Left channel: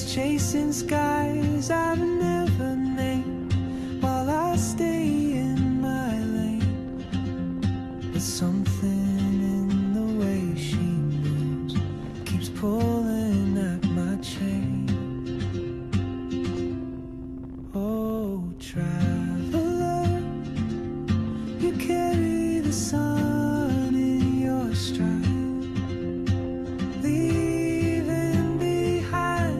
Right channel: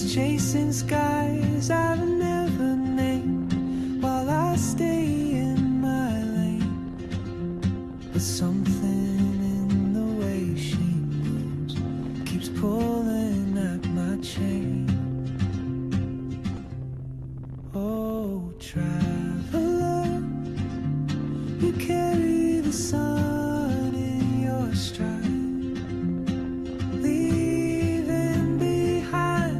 She's chasing skies I've never named while I stay in my lane. But something in the way she moves keeps pulling at my chain. Oh, traveler, you carry the sun in your stride, leaving behind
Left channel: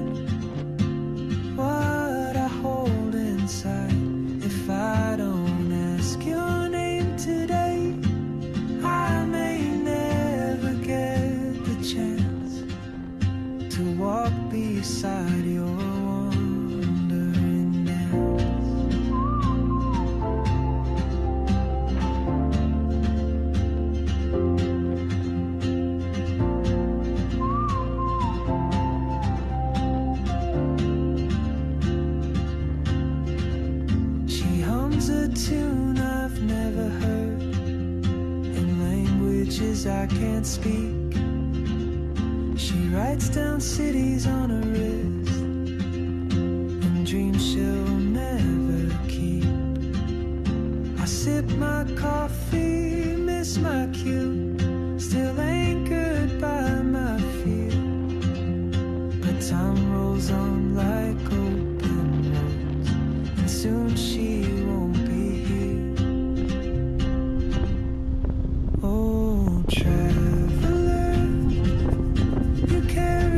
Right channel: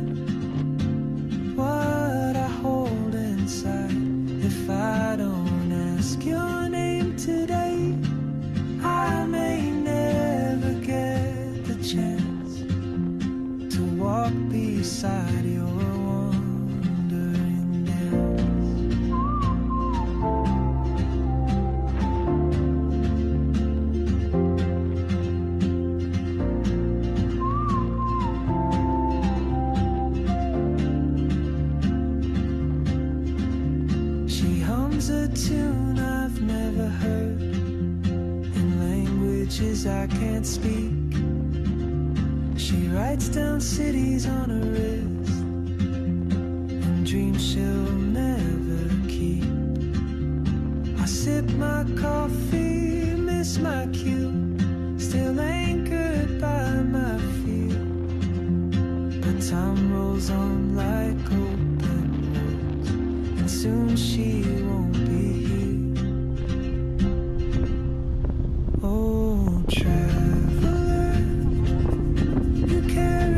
what I hold inside. If I don't ask your name today, I may never get the chance to walk beside your wandering dance. She hums a tune I've never heard in languages I can't speak. She writes down cities on her wrist and dreams she'll never keep. I sip my coffee, miss my cue, still anchored by my fear. But time rolls on like open roads, and soon she won't be here. Oh, traveler, you carry